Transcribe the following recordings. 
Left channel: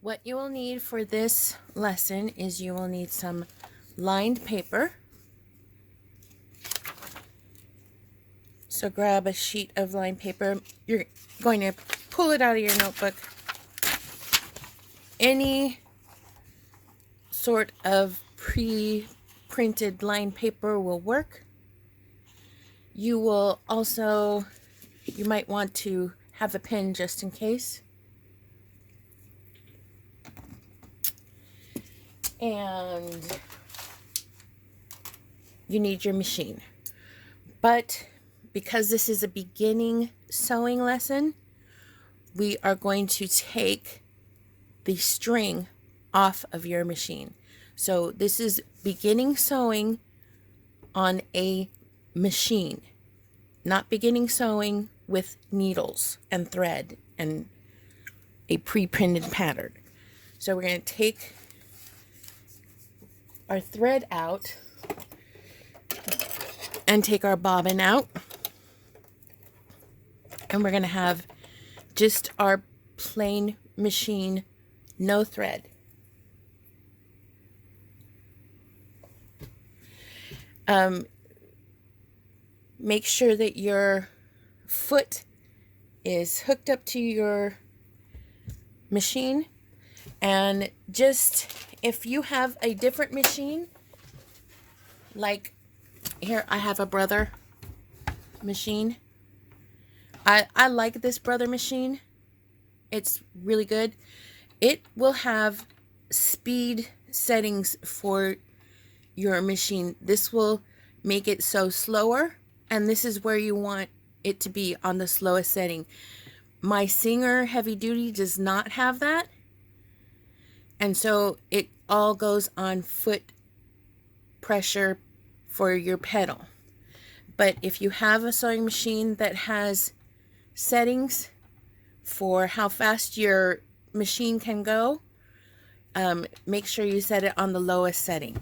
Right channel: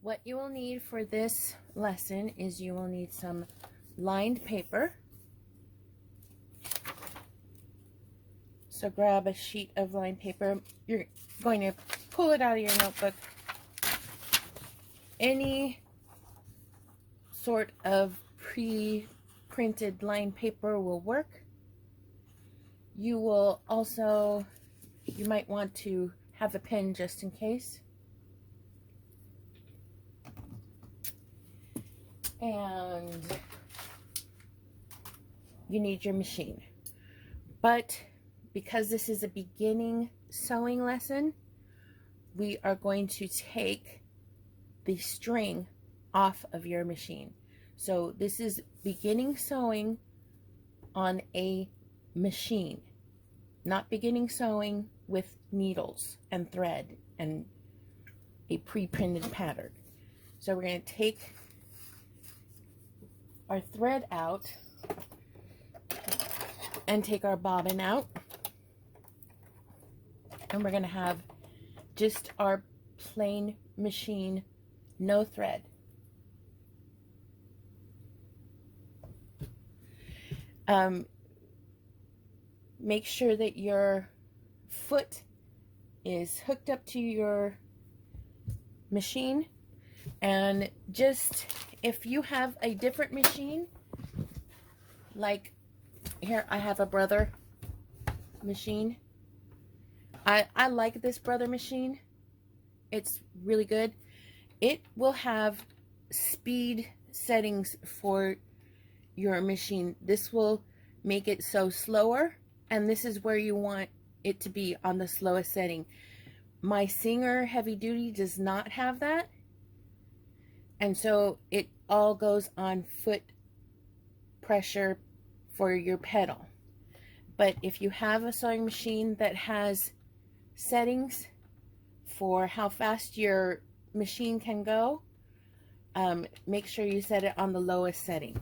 What you will need for this lesson is you will need some lined paper. So grab a sheet of lined paper. You're going to pull it out of your notebook. Any sort of pre-printed lined paper will work. You will also, you might want to have a pen just in case. And you need your machine. But because this is a beginning sewing lesson, we are going to take the string off of your machine. So this is beginning sewing on a machine, not beginning sewing with needles and thread and a pre-printed pattern. So we're going to take our thread out and take our bobbin out, and we're going to have just our plain machine, no thread. Make sure that your foot is hooked up to your machine, and just if you have a different machine, like here I have a Brother machine. I like this Brother machine. It's really good. It will have speed settings for your machine. This will make it so slower, and this is where you want it to be, on the slowest setting. My Singer Heavy Duty does not have that, and so it all goes on foot pressure for your pedal. But if you have a sewing machine that has settings for how fast your machine can go, make sure you set it on the lowest setting.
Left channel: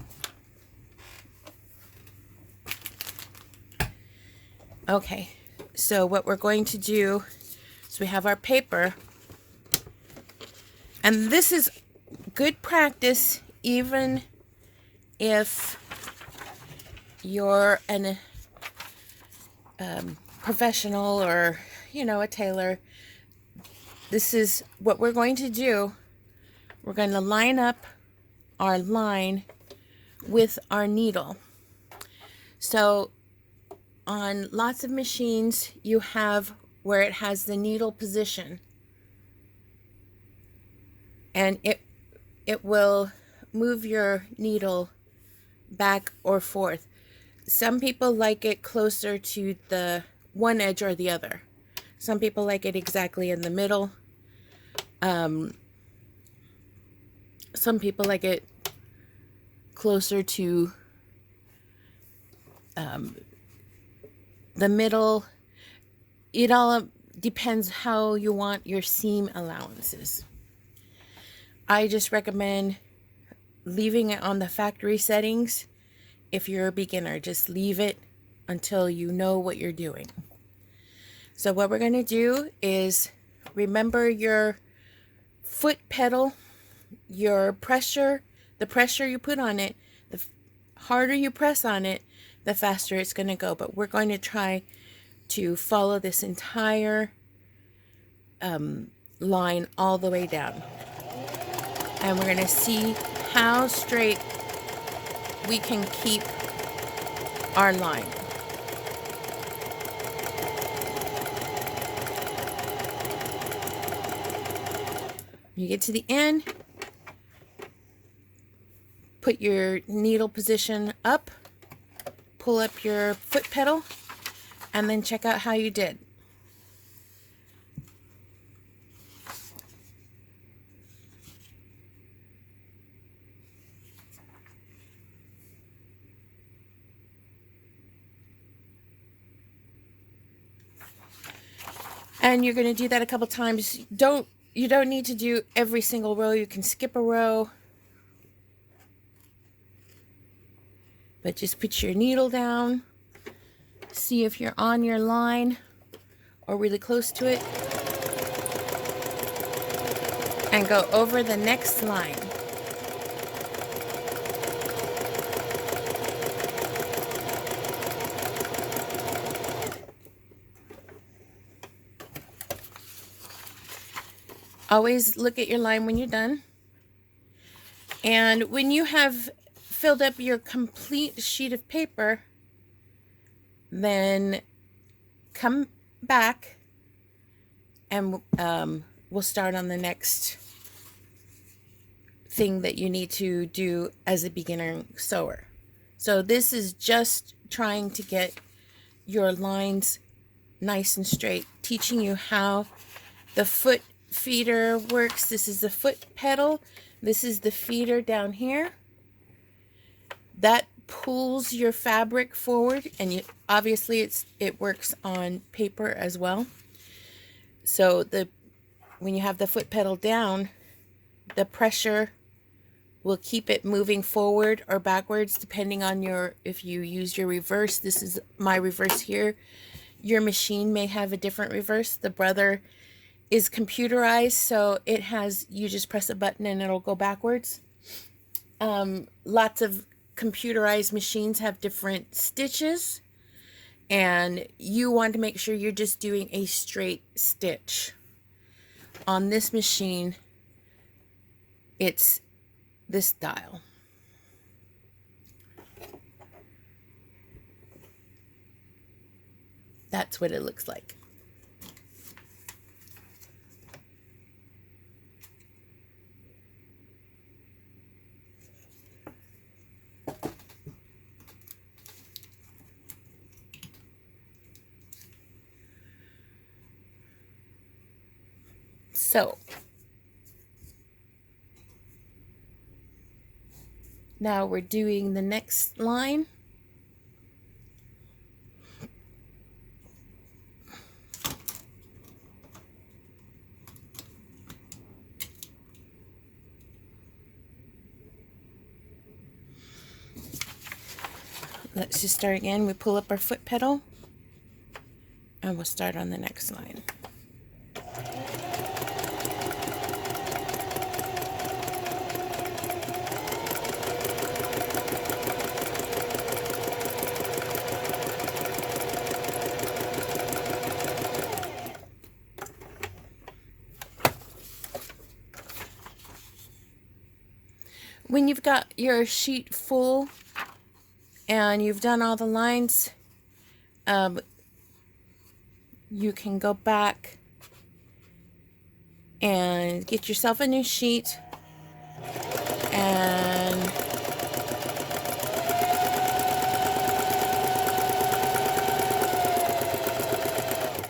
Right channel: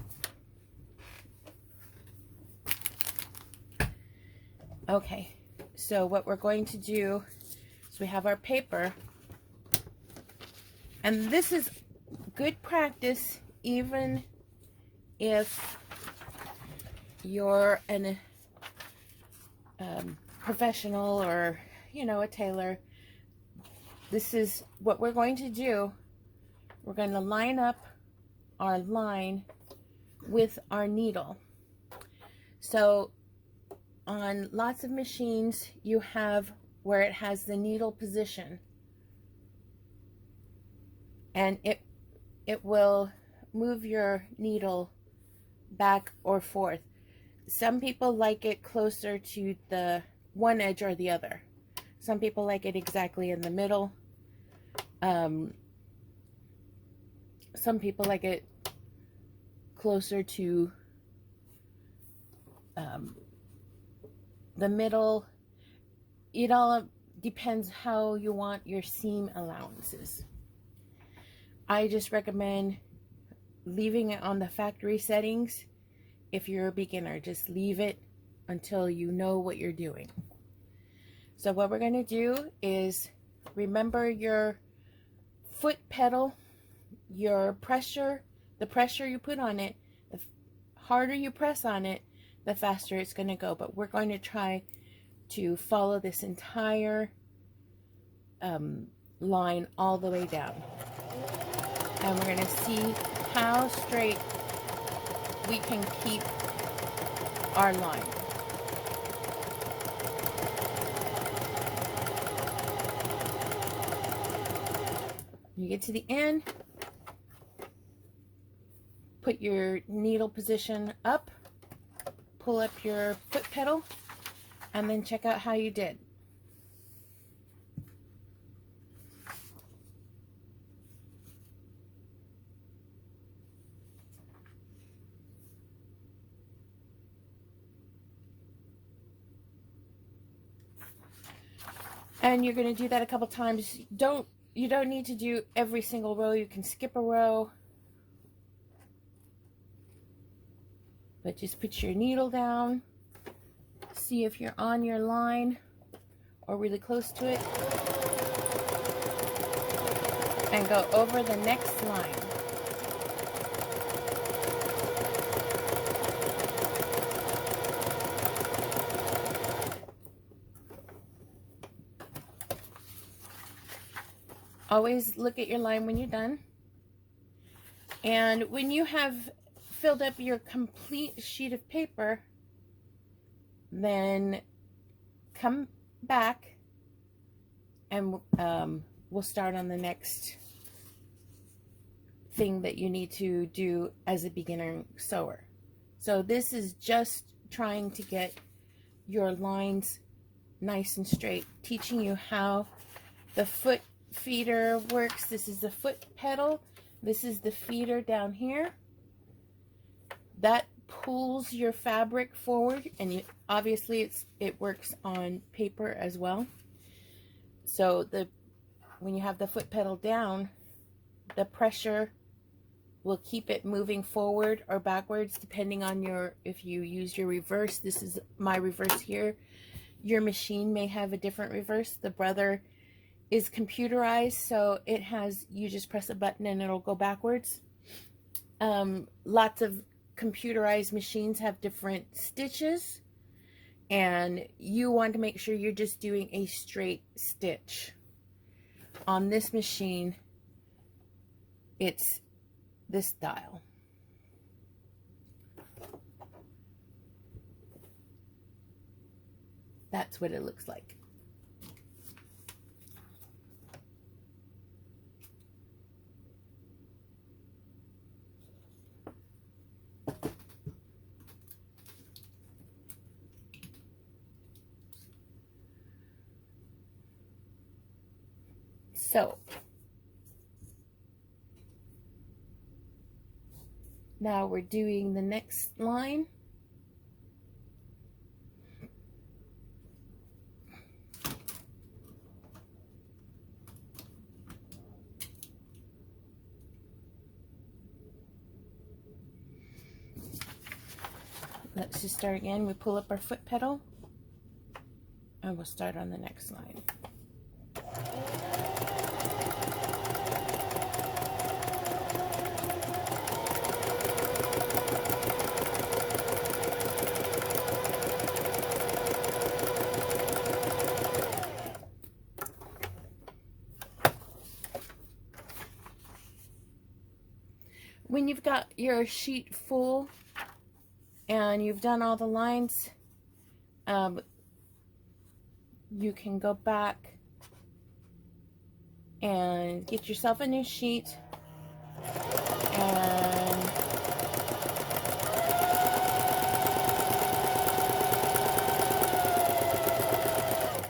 Okay, so what we're going to do is we have our paper, and this is good practice even if you're an professional or, a tailor. This is what we're going to do. We're going to line up our line with our needle. So on lots of machines, you have where it has the needle position, and it will move your needle back or forth. Some people like it closer to the one edge or the other. Some people like it exactly in the middle. Some people like it closer to the middle. It all depends how you want your seam allowances. I just recommend leaving it on the factory settings. If you're a beginner, just leave it until you know what you're doing. So what we're going to do is remember your foot pedal, your pressure, the pressure you put on it. The harder you press on it, the faster it's going to go. But we're going to try to follow this entire line all the way down. And we're going to see how straight we can keep our line. You get to the end, put your needle position up, pull up your foot pedal, and then check out how you did. And you're going to do that a couple times. You don't need to do every single row. You can skip a row. But just put your needle down. See if you're on your line or really close to it. and go over the next line. Always look at your line when you're done. And when you have filled up your complete sheet of paper, then come back and we'll start on the next thing that you need to do as a beginner sewer. So this is just trying to get your lines nice and straight, teaching you how the foot feeder works. This is the foot pedal. This is the feeder down here. That pulls your fabric forward, and obviously it works on paper as well. So when you have the foot pedal down, the pressure will keep it moving forward or backwards depending on if you use your reverse. This is my reverse here. Your machine may have a different reverse. The Brother is computerized, so you just press a button and it'll go backwards. Lots of computerized machines have different stitches, and you want to make sure you're just doing a straight stitch. On this machine, it's this dial. That's what it looks like. So now we're doing the next line. Let's just start again. We pull up our foot pedal and we'll start on the next line. When you've got your sheet full and you've done all the lines, you can go back and get yourself a new sheet, and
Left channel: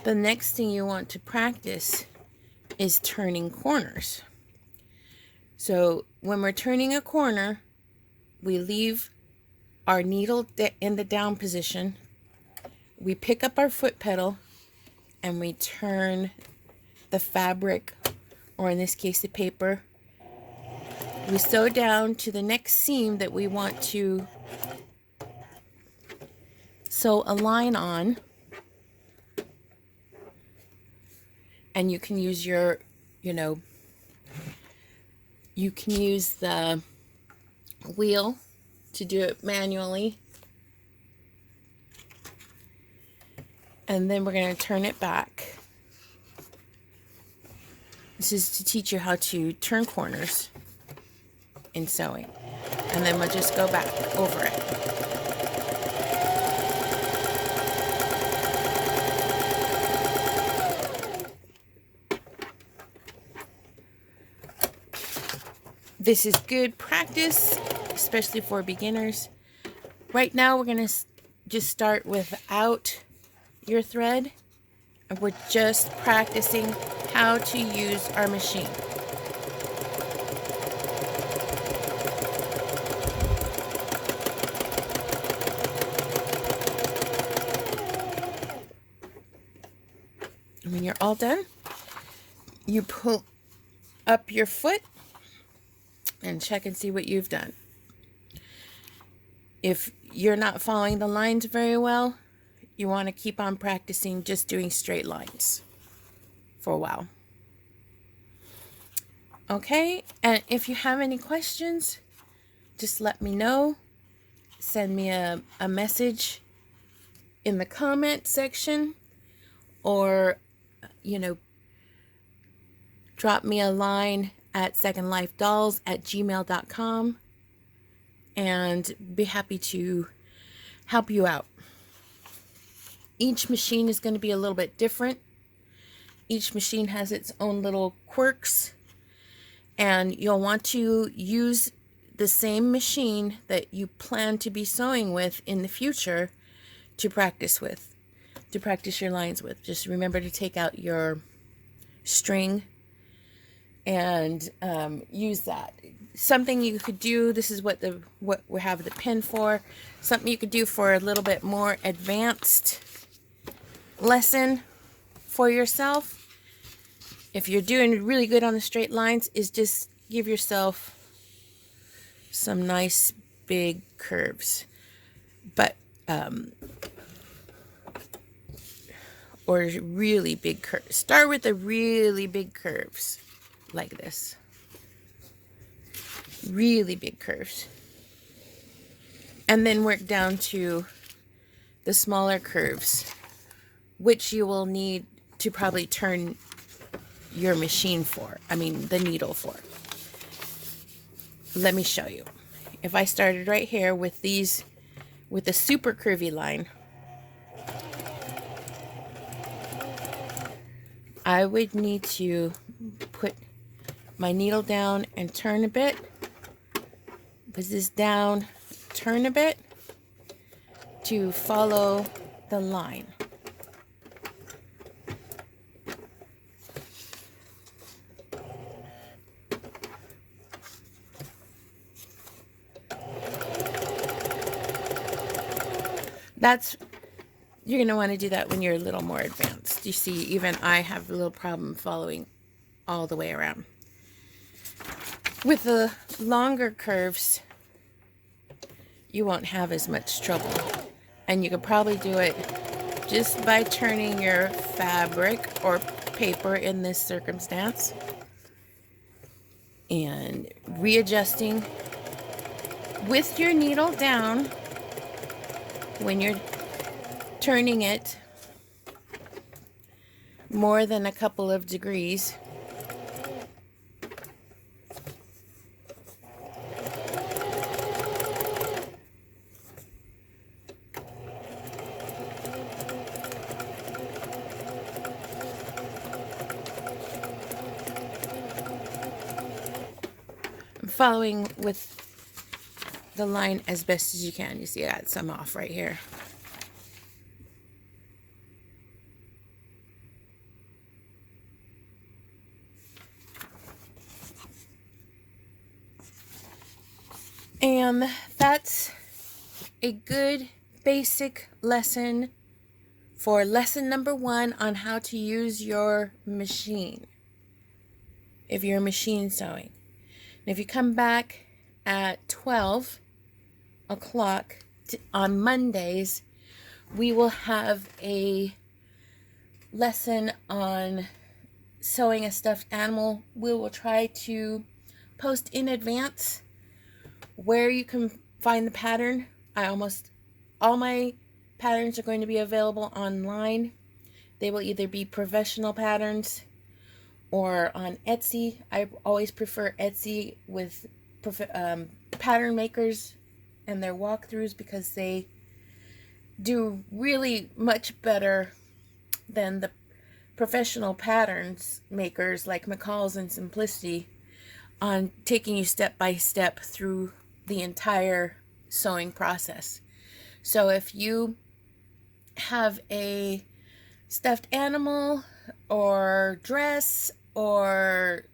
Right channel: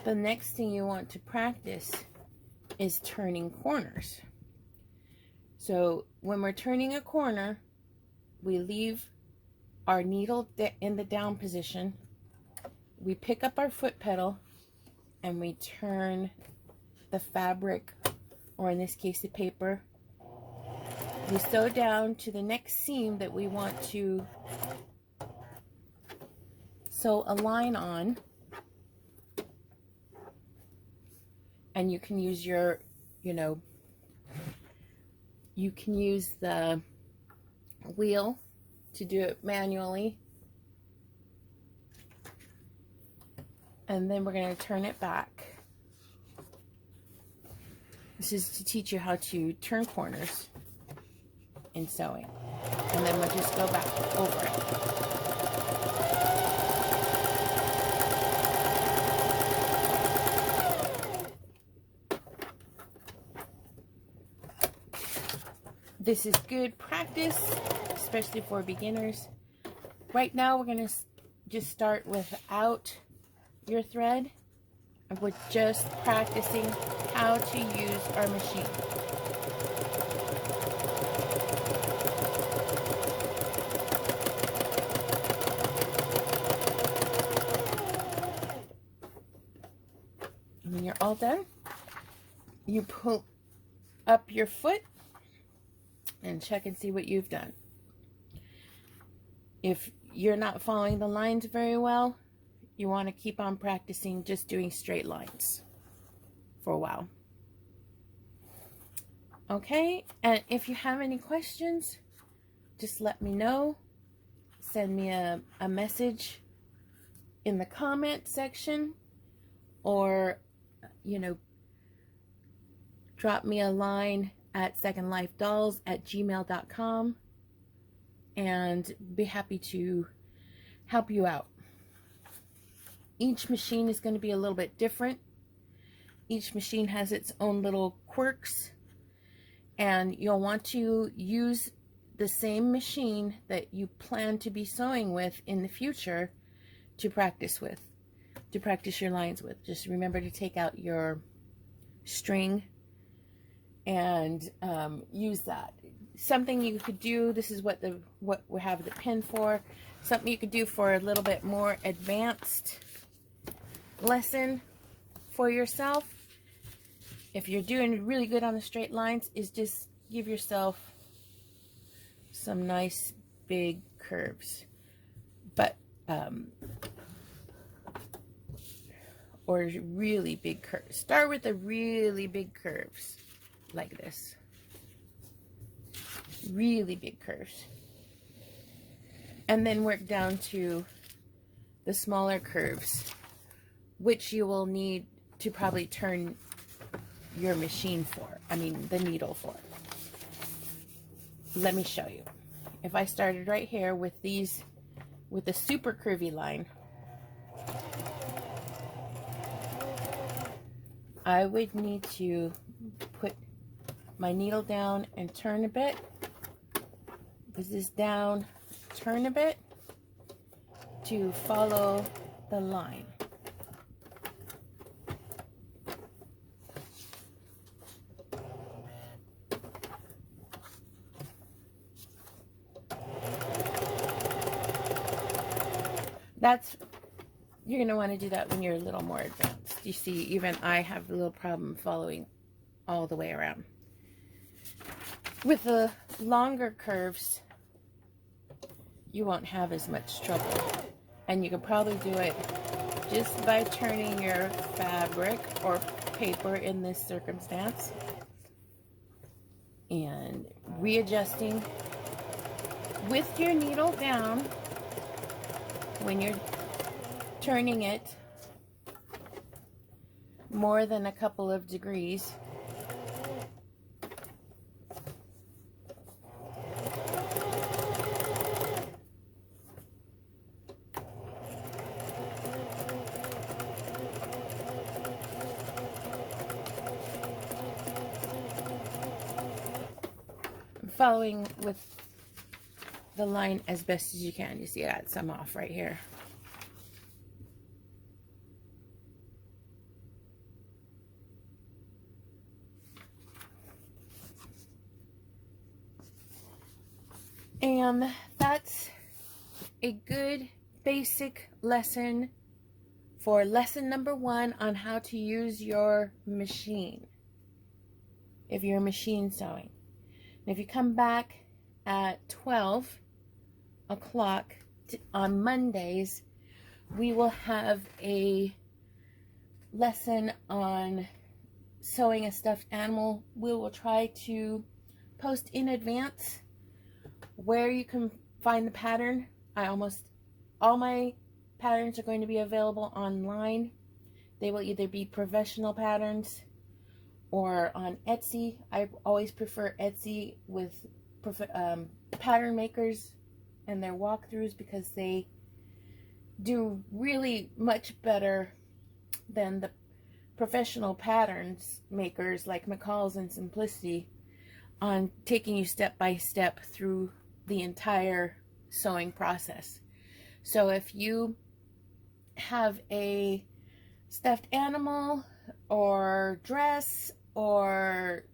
the next thing you want to practice is turning corners. So when we're turning a corner, we leave our needle in the down position. We pick up our foot pedal and we turn the fabric, or in this case the paper. We sew down to the next seam that we want to sew a line on. And you can use your, you can use the wheel to do it manually. And then we're going to turn it back. This is to teach you how to turn corners in sewing. And then we'll just go back over it. This is good practice, especially for beginners. Right now, we're going to just start without your thread. And we're just practicing how to use our machine. And when you're all done, you pull up your foot and check and see what you've done. If you're not following the lines very well, you want to keep on practicing just doing straight lines for a while. Okay, and if you have any questions, just let me know. Send me a message in the comment section, or, you know, drop me a line at secondlifedolls@gmail.com, and be happy to help you out. Each machine is going to be a little bit different. Each machine has its own little quirks, and you'll want to use the same machine that you plan to be sewing with in the future to practice your lines with. Just remember to take out your string and use that. Something you could do, this is what we have the pin for, something you could do for a little bit more advanced lesson for yourself, if you're doing really good on the straight lines, is just give yourself some nice big curves, but or really big curves. Start with the really big curves like this, really big curves, and then work down to the smaller curves, which you will need to probably turn your machine for, the needle for. Let me show you. If I started right here with these, with a super curvy line, I would need to put my needle down and turn a bit, put this down, turn a bit to follow the line. You're going to want to do that when you're a little more advanced. You see, even I have a little problem following all the way around. With the longer curves, you won't have as much trouble. And you could probably do it just by turning your fabric or paper in this circumstance and readjusting with your needle down when you're turning it more than a couple of degrees. I'm following with the line as best as you can. You see I got some off right here. And that's a good basic lesson for lesson number 1 on how to use your machine if you're machine sewing. And if you come back at 12 o'clock on Mondays, we will have a lesson on sewing a stuffed animal. We will try to post in advance where you can find the pattern. All my patterns are going to be available online. They will either be professional patterns or on Etsy. I always prefer Etsy with pattern makers and their walkthroughs, because they do really much better than the professional patterns makers like McCall's and Simplicity on taking you step by step through the entire sewing process. So if you have a stuffed animal or dress, or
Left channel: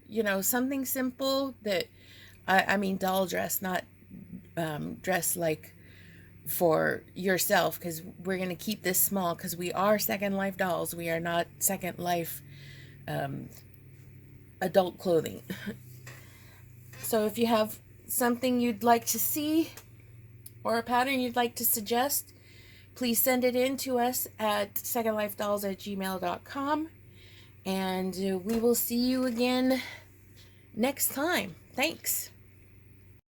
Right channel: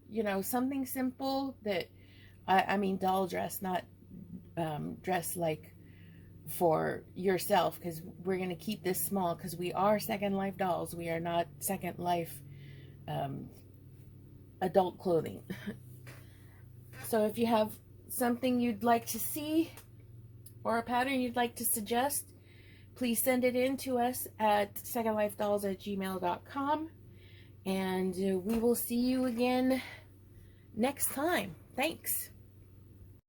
something simple that I mean doll dress, not dress like for yourself, because we're going to keep this small because we are Second Life dolls. We are not Second Life adult clothing. So if you have something you'd like to see or a pattern you'd like to suggest, please send it in to us at secondlifedolls@gmail.com, and we will see you again next time. Thanks.